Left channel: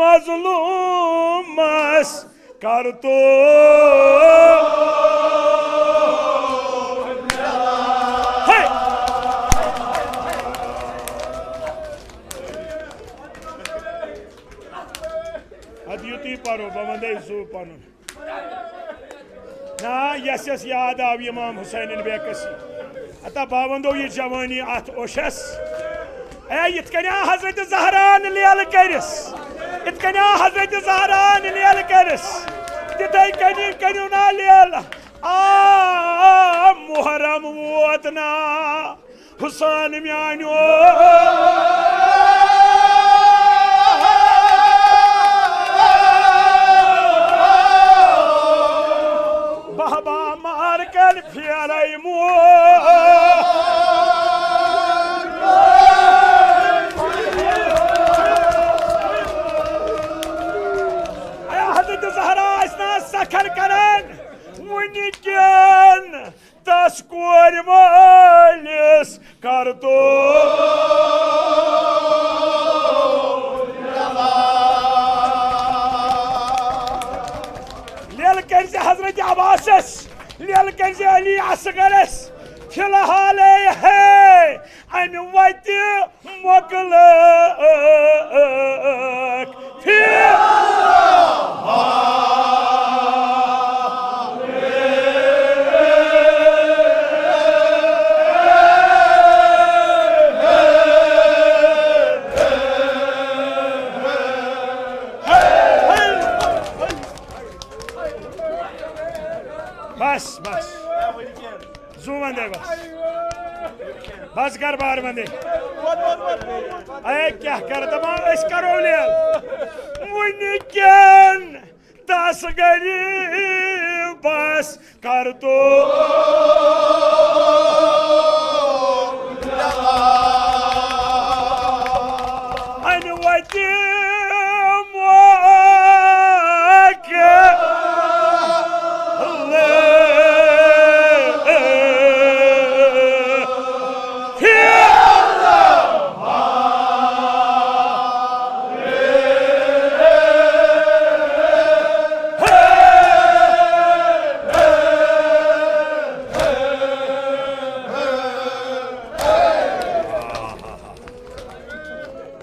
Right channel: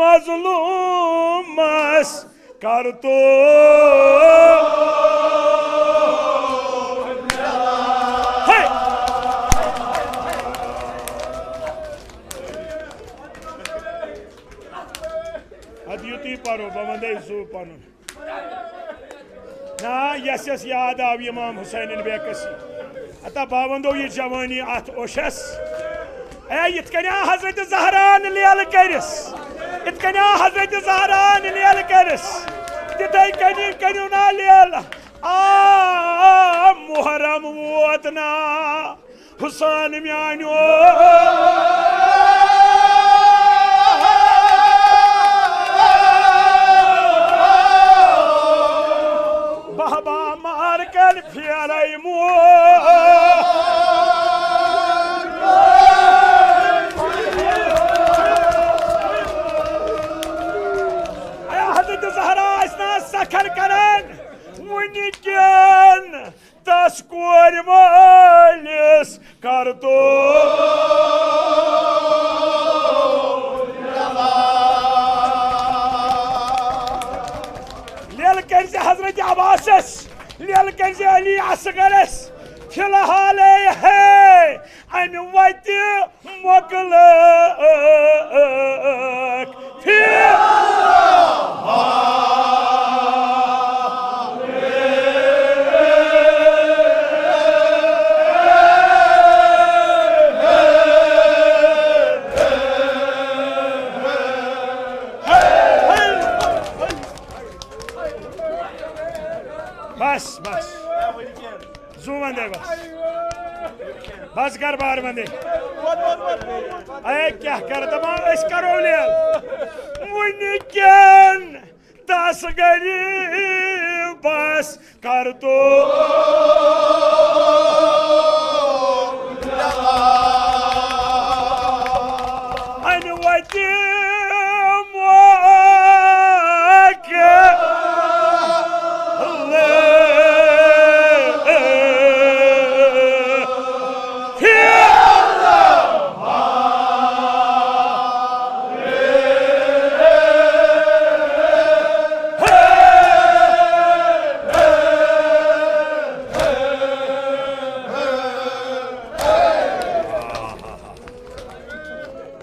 मजलूमस कर तो युति परो बंदे सू पन ना यस यस याद आव इमाम हुसैन बेकस अता बावंदो ये जवानी अत ओशस इतकन्या हजरत ज़हरान लेल करस इतकन्या हजरत ज़हरान लेल करस तिथै कनी कन्यू ना लेल आ मुहर्रम वोतना हुसैन म्यानो बाबा मार कर फेरै मो सखर करन वुनिकन तस कोर मालिस कर तो लेल कर हजरत अब्बास लेल कर अली असगरस फिलहाल है अन वत मोकल बस बस जू वंदे बस कर बार वंदे अरे क्या कर दमा इस करो लेल वुनिकन तस गरी बस कर तो अन वति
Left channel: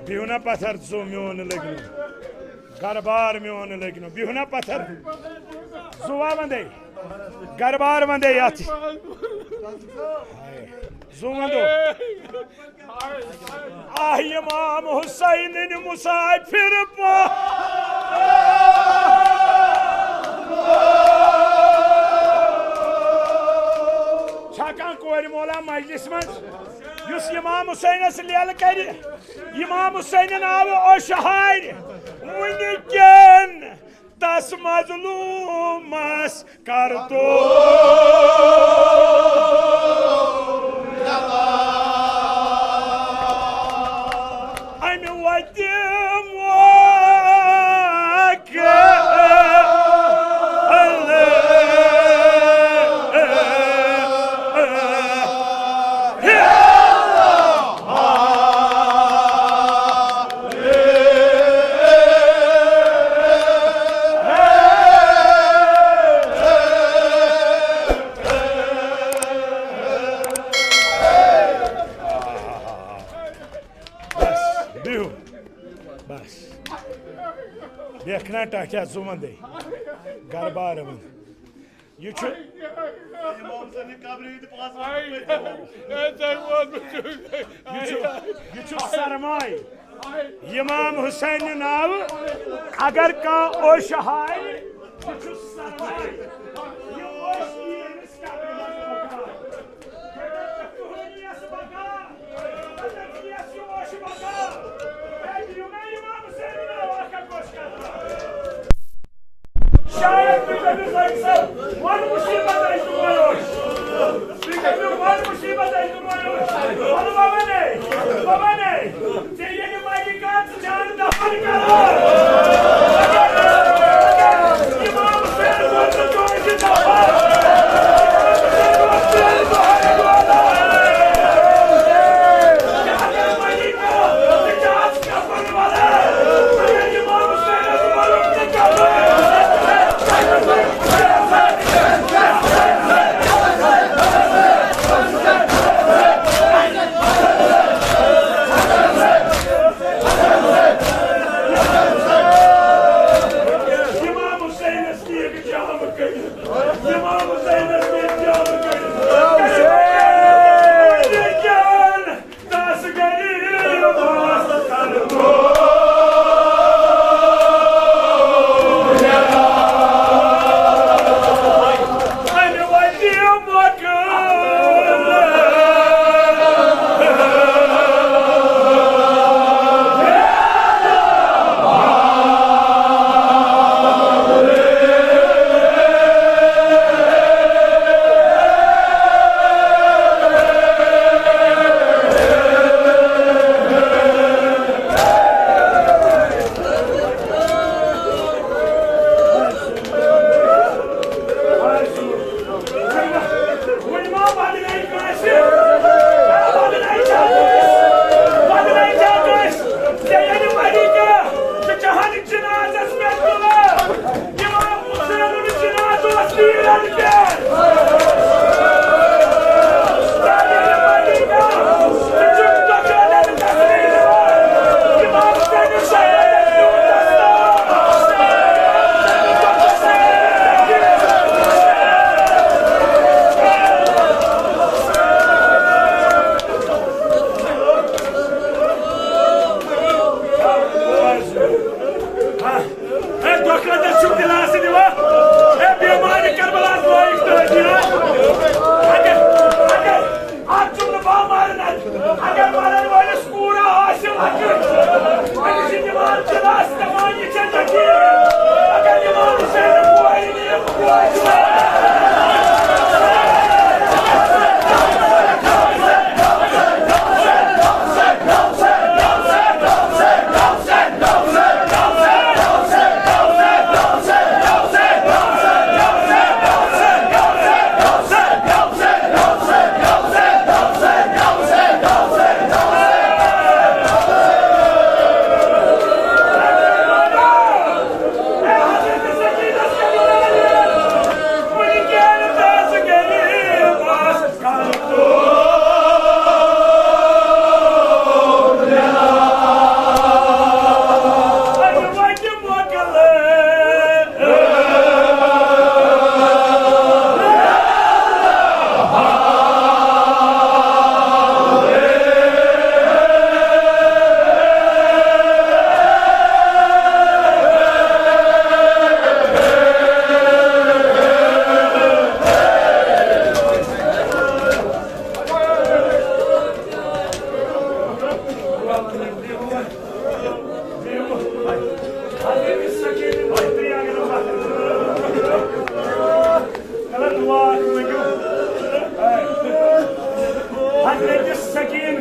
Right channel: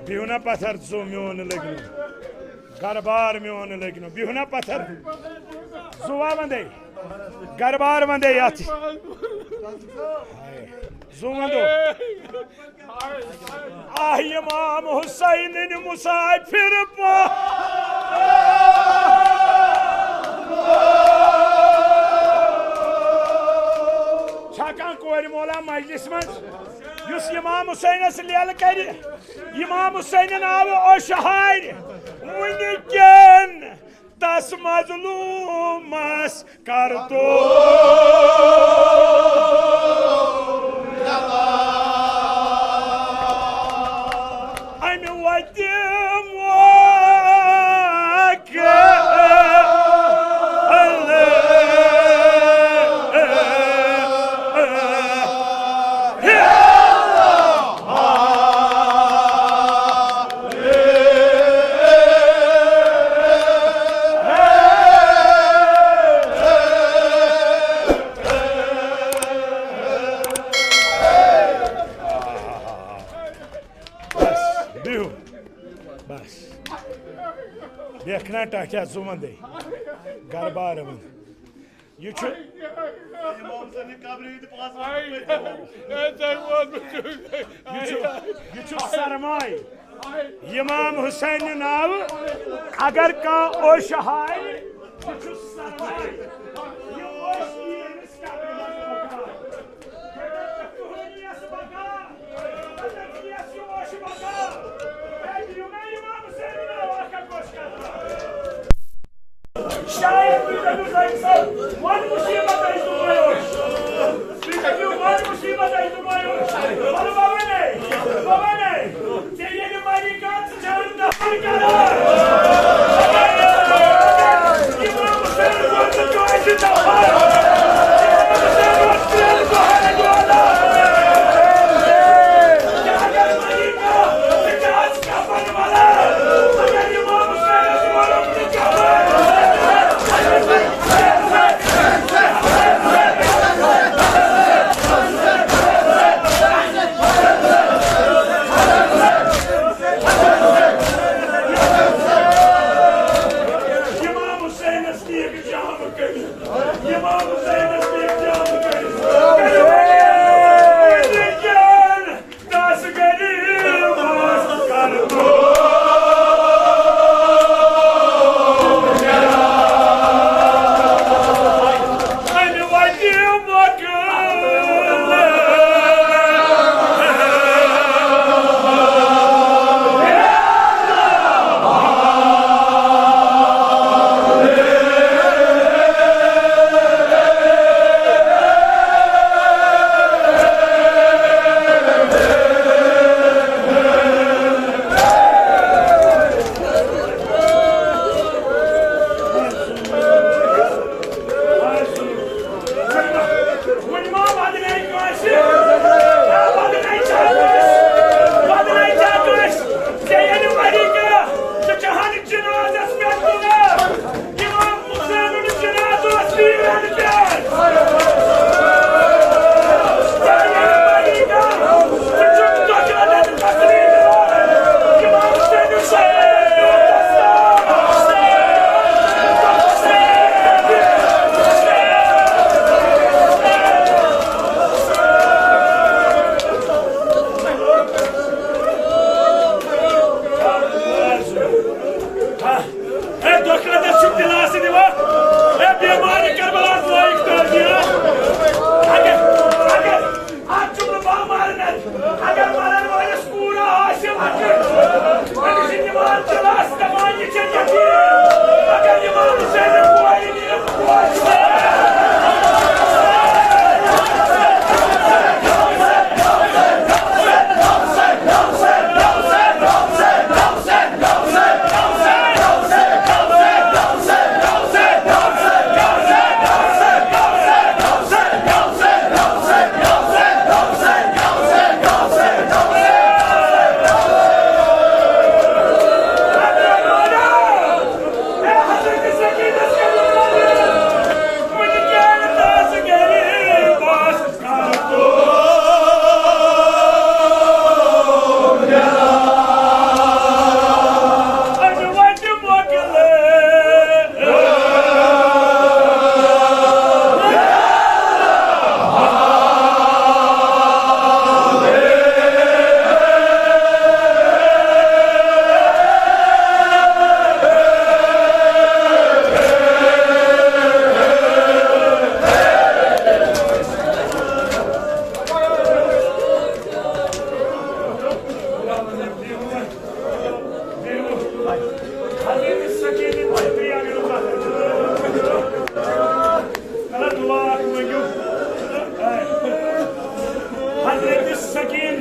बिहुना पत्थर जो म्योन लगनो गरबार म्योन लगनो बिहुना पत्थर जुवा वंदे गरबार वंदे यात जो वंदो आह इमाम हुसैन ने मुसाफिर पा छाका कोर मोला मजलिस मज युस इमाम हुसैन लेल कर इमाम हुसैन आव ओ शहार वुनिकन तस मजलूमस कर तो अन वत बस देखना टाक्या जुमंदे गरबार मन ये सरमाय इमाम हुसैन नाव अगर का ओ शहाय one musibah dari Tuhan. Kita bilang one musibah dari Tuhan. Mana bawa ni? Dia ni majikan sejalan dapat kalah. Imam Hussein buat tujuan kita. Jangan majikan sejalan dapat kalah. Imam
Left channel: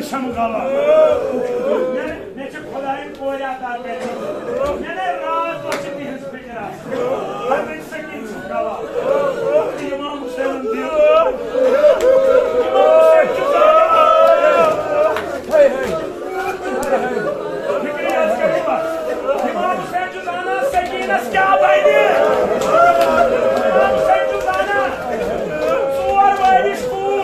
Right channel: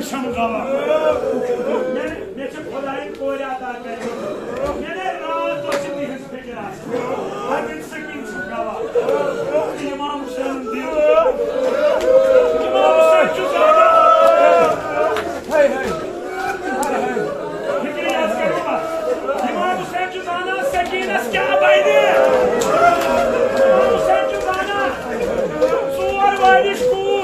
शमगावा मैं खुदाई कोर अदा कर मैंने रात तो तिहज फिक्र हजरत सकीन शमगावा इमाम हुसैन दियो इमाम हुसैन चुकाना हाय हाय हाय हाय फिक्र याद करूंगा इमाम हुसैन चुकाना सकीनस क्या बैठी इमाम हुसैन चुकाना सोर वारिश कूर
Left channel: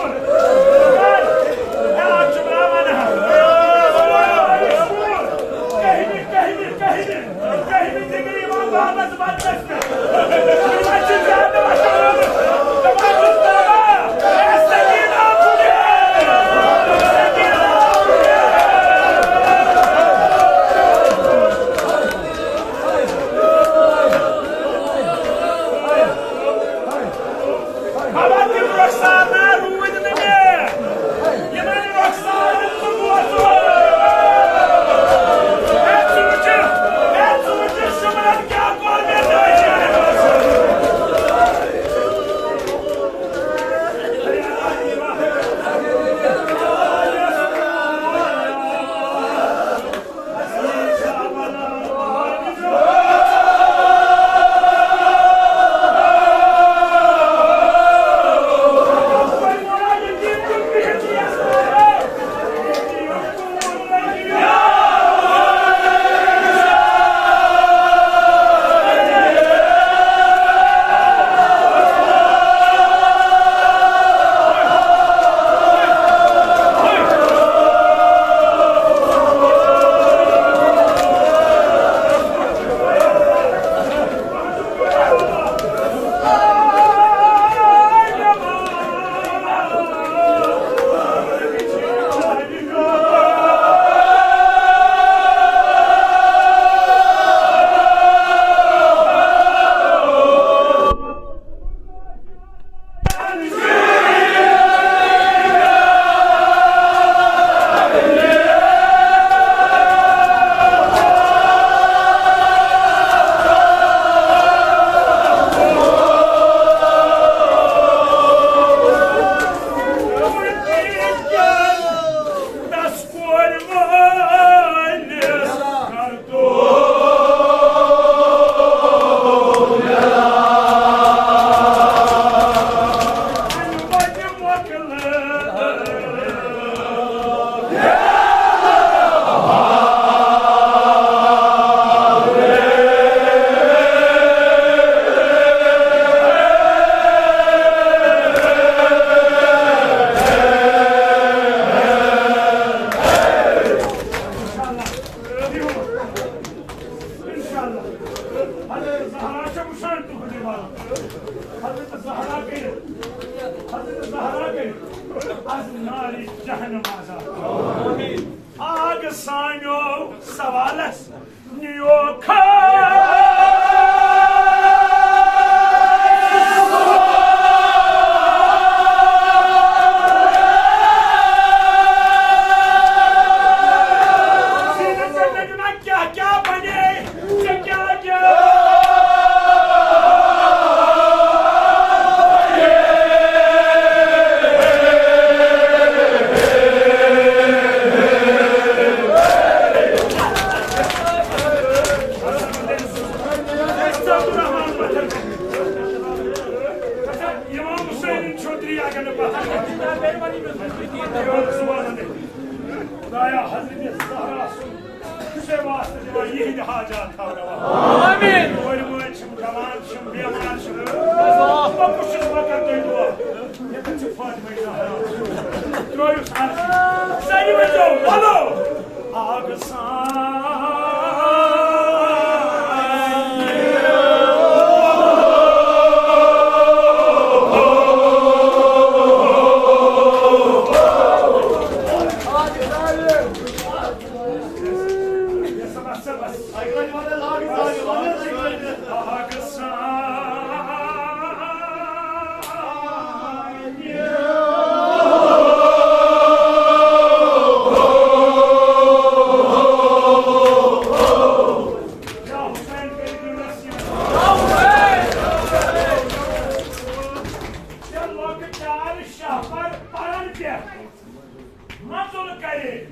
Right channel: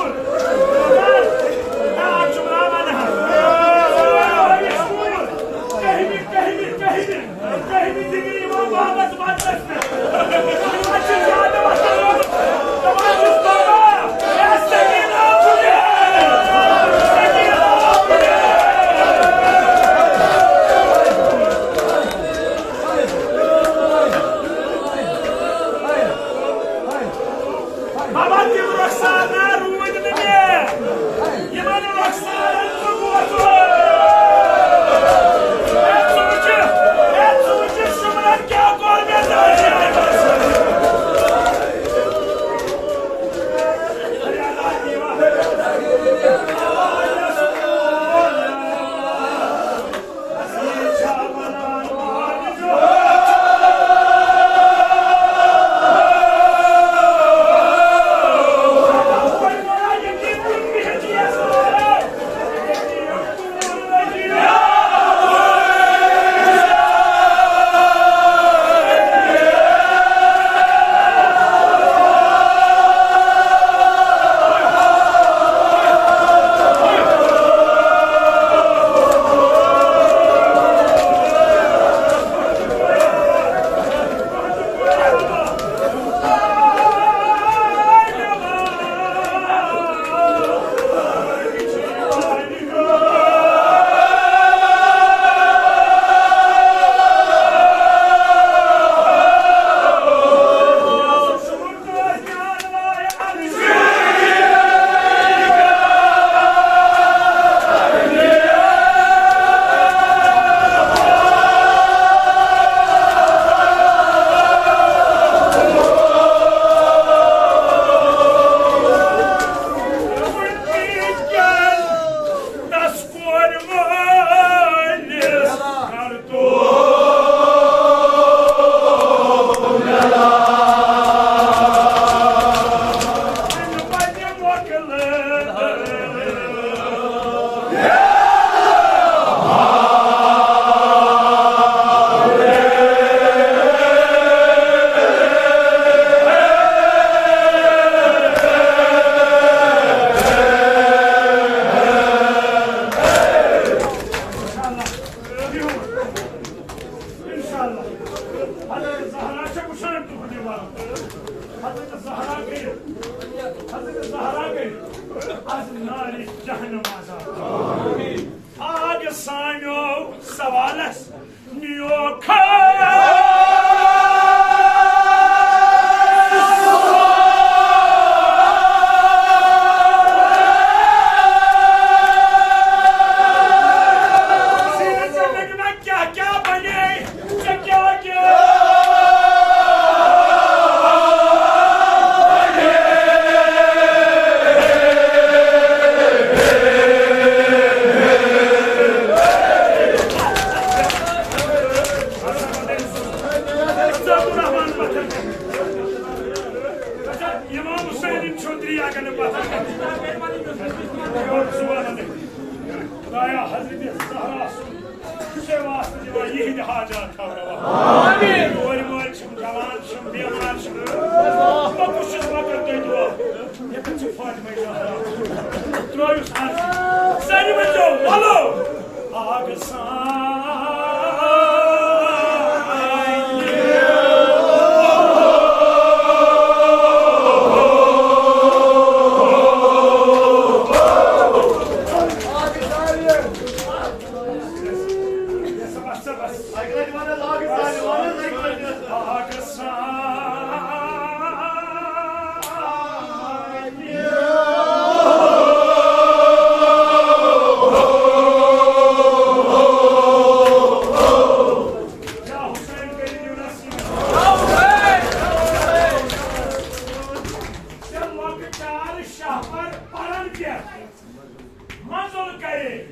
Manzul करे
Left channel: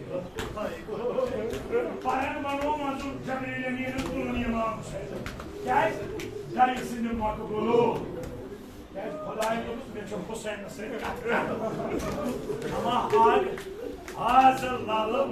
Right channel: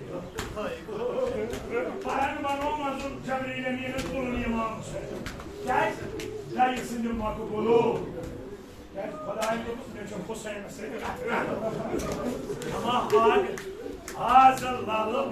Paran bano manzul Cemre'yle miyinin kulun imam Hüseyin Gel Dayı sindim vakı kulu Gel Kodayın yoluz ben çok Hüseyin Hüseyin Ama hadi Hazırlalım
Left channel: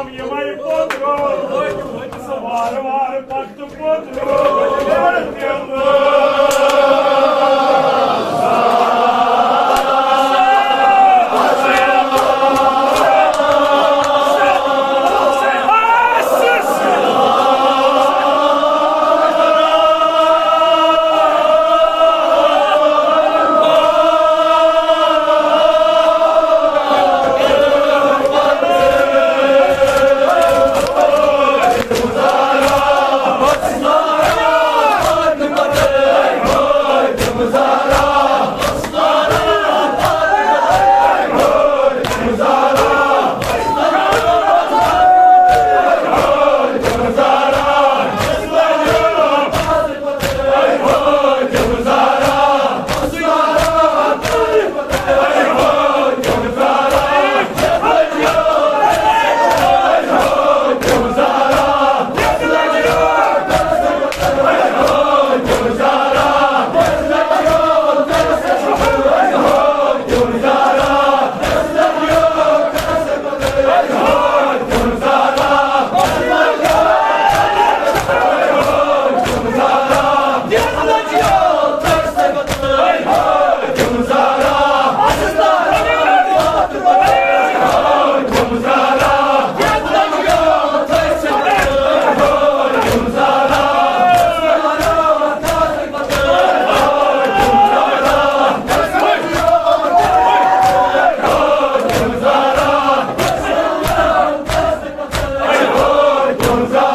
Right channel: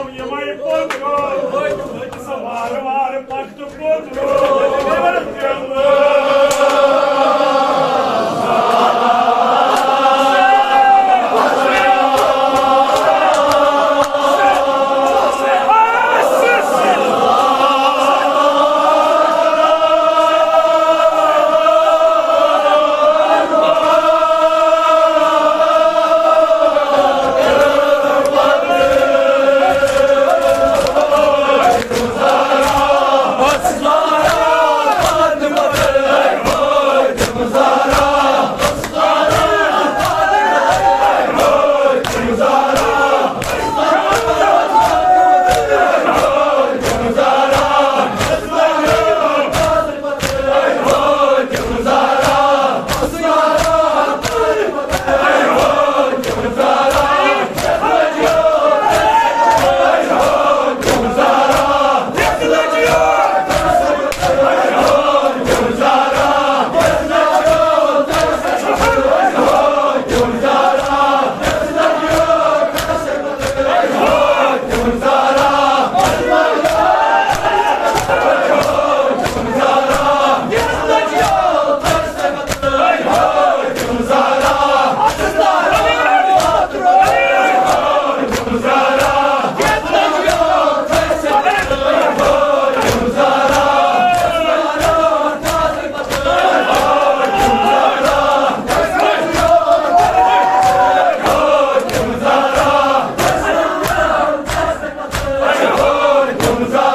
Imam Yemay Potro, Var Paktu Potro, Gumzara